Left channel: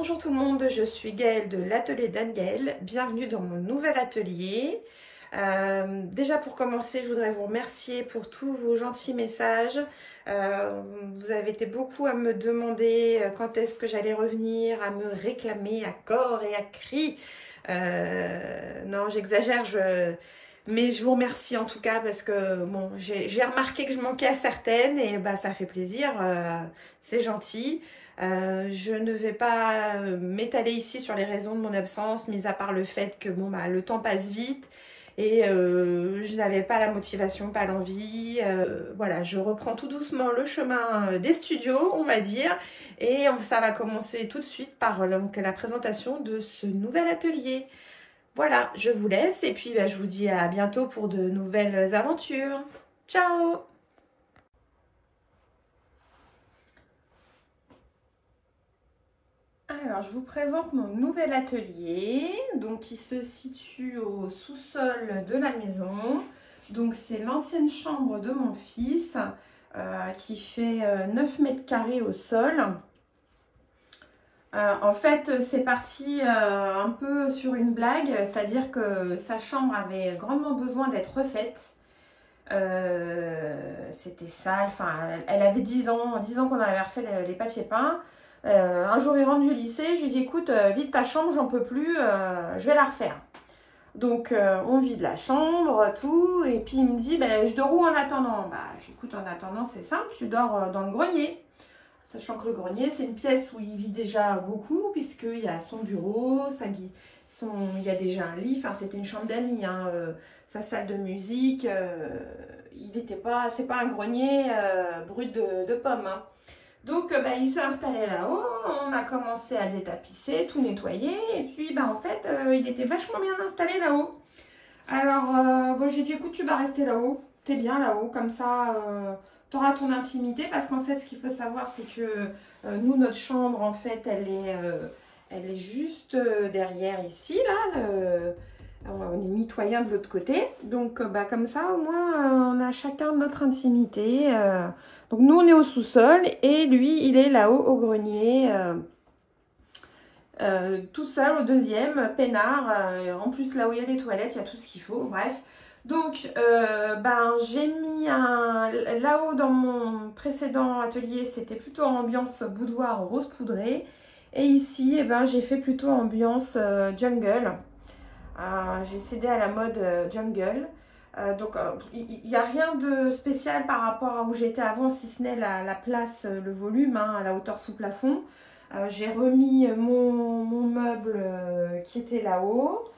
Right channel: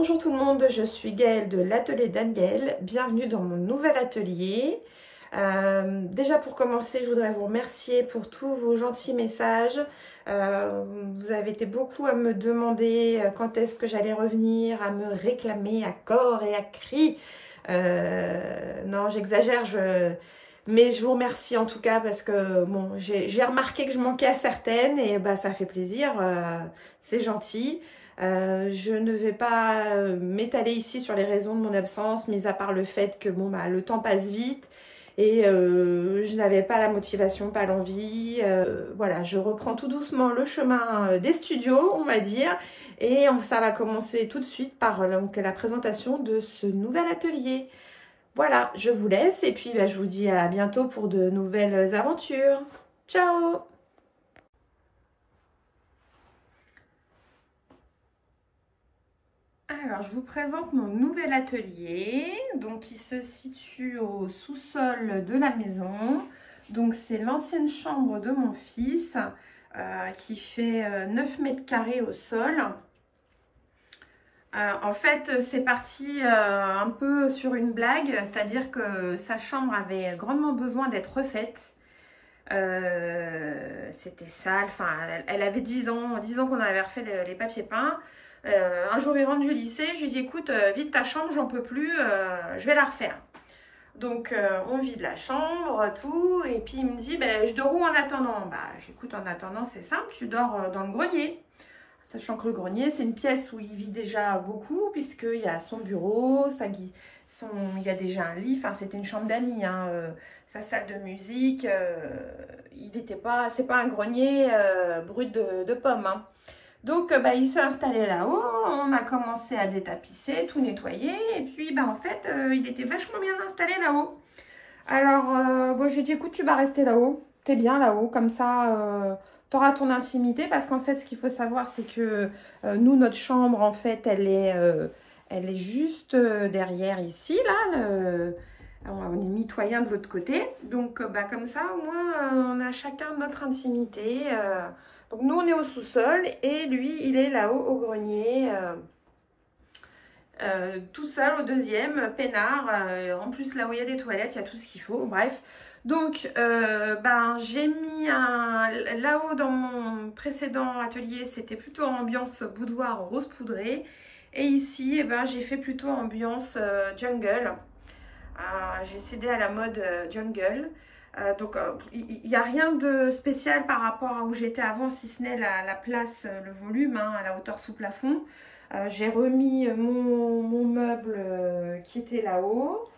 Bonjour tout le monde, je suis Gaëlle de l'atelier d'Anne-Gaëlle. Bienvenue dans mon nouvel atelier. Déjà pour commencer, je voudrais vous remercier pour tous vos gentils messages. Vous avez été beaucoup à me demander quand est-ce que j'allais revenir, à me réclamer à corps et à cri. Non, j'exagère, mais je vous remercie en tout cas parce que bon, j'ai remarqué que je manquais à certaines et bah, ça fait plaisir, c'est gentil. Je ne vais pas m'étaler ici sur les raisons de mon absence, mis à part le fait que bon, bah, le temps passe vite et je n'avais pas la motivation, pas l'envie. Voilà, je reprends tout doucement le chemin des studios, on va dire, et ça va commencer tout de suite par la présentation de ce nouvel atelier. Voilà, je vous laisse et puis bah, je vous dis à bientôt pour de nouvelles aventures. Ciao! Alors, je vous présente mon nouvel atelier, donc qui se situe au sous-sol de la maison. Donc, c'est l'ancienne chambre de mon fils qui fait 9 mètres carrés au sol. En fait, c'est parti un peu sur une blague, c'est-à-dire que sa chambre avait grandement besoin d'être refaite. C'était sale, enfin, elle avait 10 ans qu'on avait refait les papiers peints. Un jour, il rentre du lycée, je lui dis écoute, vide ta chambre, j'en peux plus, je vais la refaire. Donc, on vide la chambre, tout, et puis il me dit je dors où en attendant? Bah, j'écoute, en attendant, c'est simple, tu dors dans le grenier. Sachant que le grenier, c'est une pièce où il vit déjà beaucoup, puisqu'il y a son bureau, il y a déjà un lit, enfin, c'était une chambre d'amis, hein, sa salle de musique, c'est pas un grenier brut de pommes, hein. Donc, il s'est installé là-haut, on a commencé à détapisser, tout nettoyer, et puis, en fait, il était vachement bien installé là-haut. Alors, bon, j'ai dit, écoute, tu vas rester là-haut, t'es bien là-haut, comme ça, tu auras ton intimité, parce qu'en fait, ce qu'il faut savoir, c'est que nous, notre chambre, en fait, elle est juste derrière ici, là, on est mitoyen de l'autre côté, donc, comme ça, au moins, on a chacun notre intimité. Donc nous, on est au sous-sol et lui, il est là-haut au grenier, tout seul au deuxième, peinard. En plus, là où il y a des toilettes, il y a tout ce qu'il faut. Bref, donc j'ai mis là-haut dans mon précédent atelier, c'était plutôt ambiance boudoir rose poudré. Et ici, j'ai fait plutôt ambiance jungle. J'ai cédé à la mode jungle. Donc, il n'y a rien de spécial par rapport à où j'étais avant, si ce n'est la place, le volume, hein, à la hauteur sous plafond. J'ai remis mon meuble qui était là-haut,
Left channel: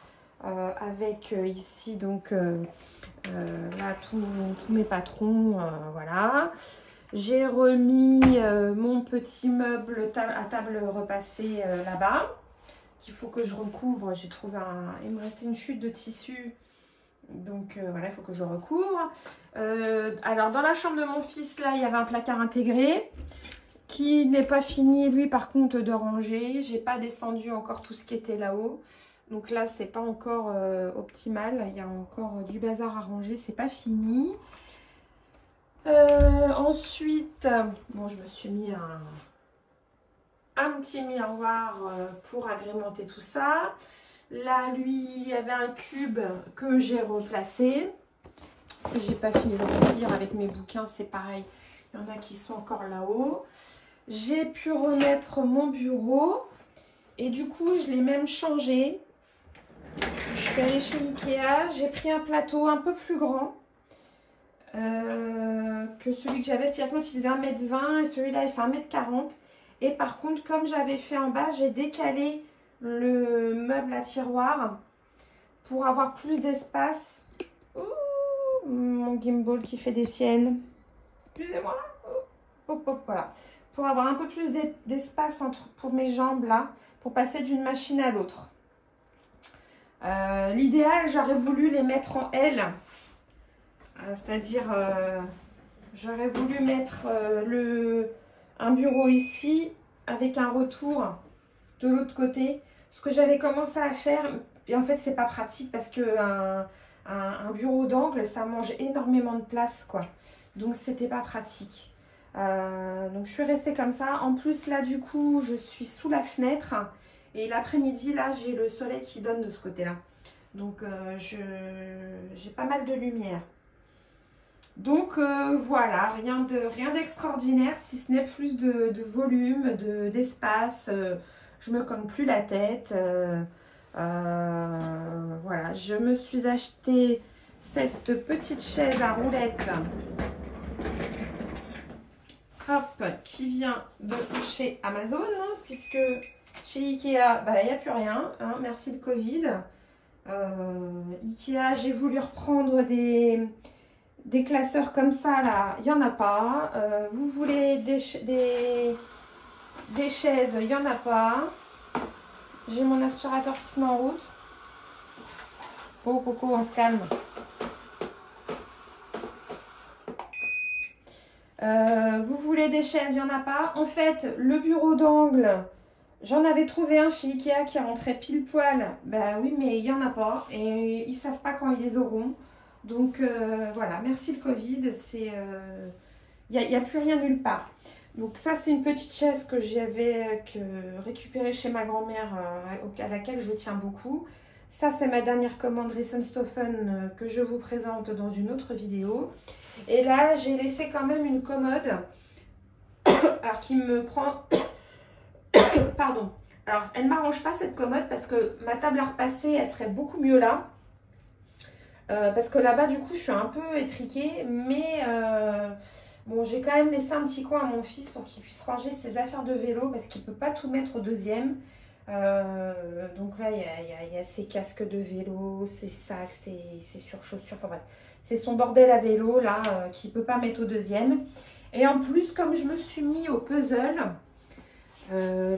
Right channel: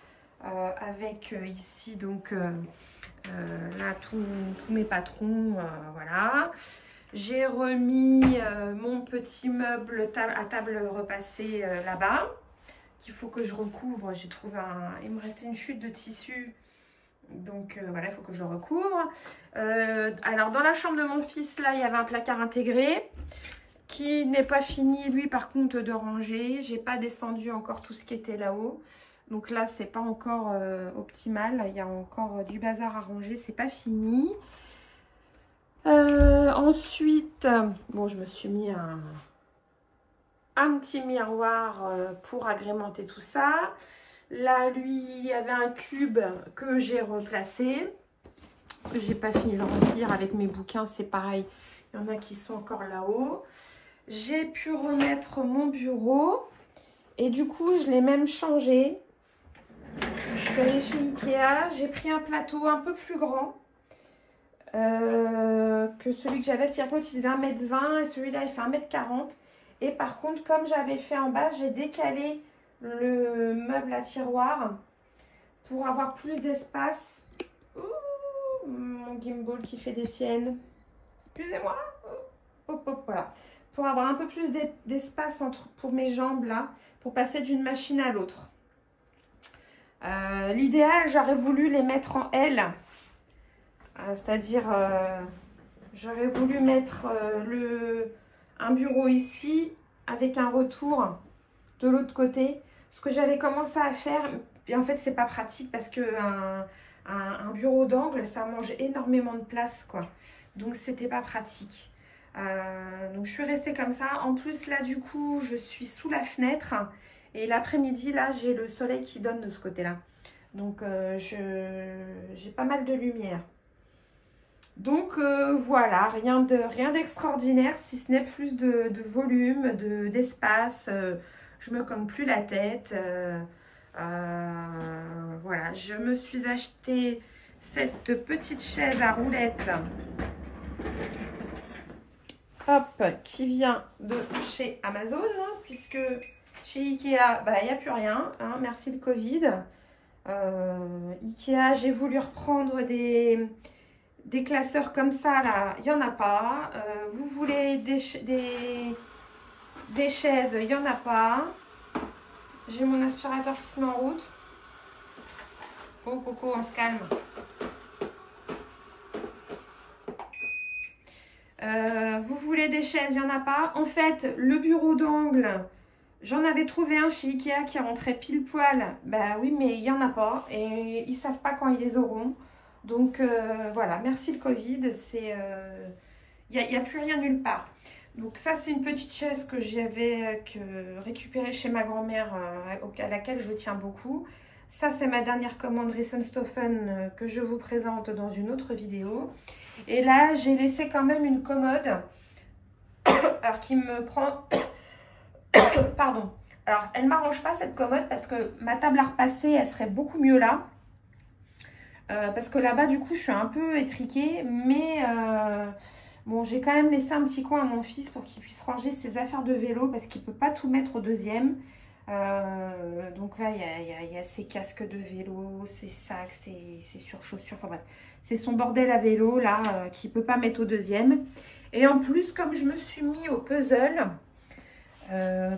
avec ici, donc, là, tous mes patrons, voilà. J'ai remis mon petit meuble à table repassée là-bas, qu'il faut que je recouvre. J'ai trouvé il me restait une chute de tissu. Donc voilà, il faut que je recouvre. Alors dans la chambre de mon fils, là, il y avait un placard intégré qui n'est pas fini, lui, par contre, de ranger. J'ai pas descendu encore tout ce qui était là-haut. Donc là, c'est pas encore optimal. Il y a encore du bazar à ranger, c'est pas fini. Ensuite, bon, je me suis mis un petit miroir pour agrémenter tout ça. Là, lui, il y avait un cube que j'ai replacé. J'ai pas fini de remplir avec mes bouquins, c'est pareil. Il y en a qui sont encore là-haut. J'ai pu remettre mon bureau. Et du coup, je l'ai même changé. Je suis allée chez Ikea. J'ai pris un plateau un peu plus grand que celui que j'avais. C'est-à-dire que l'autre, il faisait 1,20 m et celui-là, il fait 1,40 m. Et par contre, comme j'avais fait en bas, j'ai décalé le meuble à tiroir pour avoir plus d'espace. Mon gimbal qui fait des siennes, excusez-moi. Hop, hop, voilà, pour avoir un peu plus d'espace pour mes jambes là, pour passer d'une machine à l'autre. L'idéal, j'aurais voulu les mettre en L, c'est-à-dire j'aurais voulu mettre un bureau ici avec un retour de l'autre côté. Ce que j'avais commencé à faire, et en fait c'est pas pratique parce que un bureau d'angle ça mange énormément de place, quoi, donc c'était pas pratique. Donc je suis restée comme ça. En plus là du coup je suis sous la fenêtre et l'après-midi là j'ai le soleil qui donne de ce côté-là. Donc j'ai pas mal de lumière. Donc voilà, rien d'extraordinaire si ce n'est plus de volume, d'espace. Je me cogne plus la tête. Voilà, je me suis acheté cette petite chaise à roulettes. Hop, qui vient de chez Amazon, hein, puisque chez Ikea, bah, il n'y a plus rien, hein, merci le Covid. Ikea, j'ai voulu reprendre des classeurs comme ça, là, il n'y en a pas. Vous voulez des chaises, il n'y en a pas. J'ai mon aspirateur qui se met en route. Oh, Coco, on se calme. Vous voulez des chaises, il n'y en a pas. En fait, le bureau d'angle, j'en avais trouvé un chez Ikea qui rentrait pile poil. Ben oui, mais il n'y en a pas. Et ils ne savent pas quand ils les auront. Donc voilà, merci le Covid. Il n'y a plus rien nulle part. Donc ça, c'est une petite chaise que j'avais récupérée chez ma grand-mère, à laquelle je tiens beaucoup. Ça, c'est ma dernière commande Risenstoffen que je vous présente dans une autre vidéo. Et là, j'ai laissé quand même une commode, alors qui me prend... Pardon. Alors, elle ne m'arrange pas cette commode parce que ma table à repasser, elle serait beaucoup mieux là. Parce que là-bas, du coup, je suis un peu étriquée. Mais bon, j'ai quand même laissé un petit coin à mon fils pour qu'il puisse ranger ses affaires de vélo parce qu'il ne peut pas tout mettre au deuxième. Donc là, il y a ses casques de vélo, ses sacs, ses surchaussures, enfin bref. C'est son bordel à vélo là qu'il ne peut pas mettre au deuxième. Et en plus, comme je me suis mis au puzzle,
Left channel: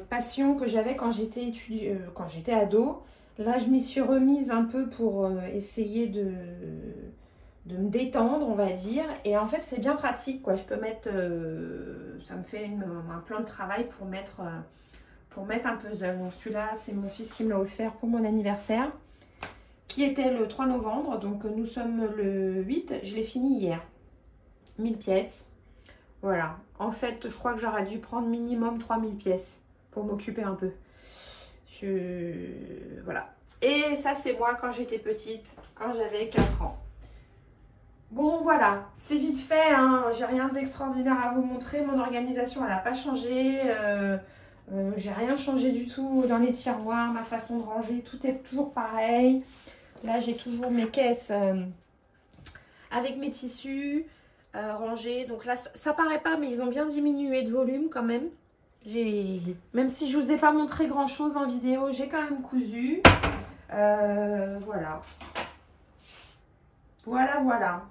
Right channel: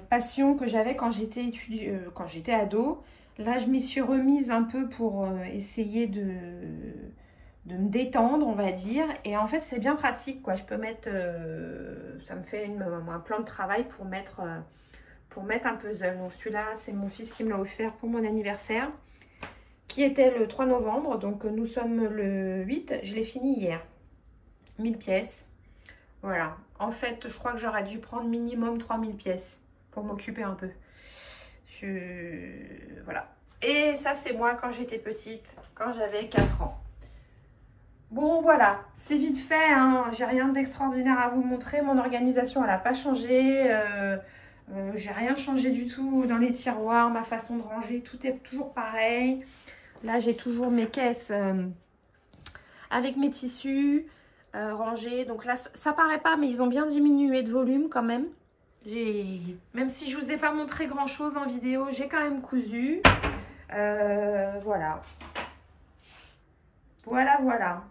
passion que j'avais quand j'étais ado, là je m'y suis remise un peu pour essayer de me détendre, on va dire. Et en fait, c'est bien pratique, quoi. Je peux mettre, ça me fait un plan de travail pour mettre un puzzle. Donc celui-là, c'est mon fils qui me l'a offert pour mon anniversaire, qui était le 3 novembre. Donc nous sommes le 8, je l'ai fini hier. 1000 pièces. Voilà. En fait, je crois que j'aurais dû prendre minimum 3000 pièces pour m'occuper un peu. Voilà. Et ça, c'est moi quand j'étais petite, quand j'avais 4 ans. Bon, voilà. C'est vite fait, hein. J'ai rien d'extraordinaire à vous montrer. Mon organisation, elle n'a pas changé. J'ai rien changé du tout dans les tiroirs, ma façon de ranger, tout est toujours pareil. Là, j'ai toujours mes caisses avec mes tissus rangés. Donc là, ça paraît pas, mais ils ont bien diminué de volume quand même. Même si je vous ai pas montré grand chose en vidéo, j'ai quand même cousu. Voilà. Voilà.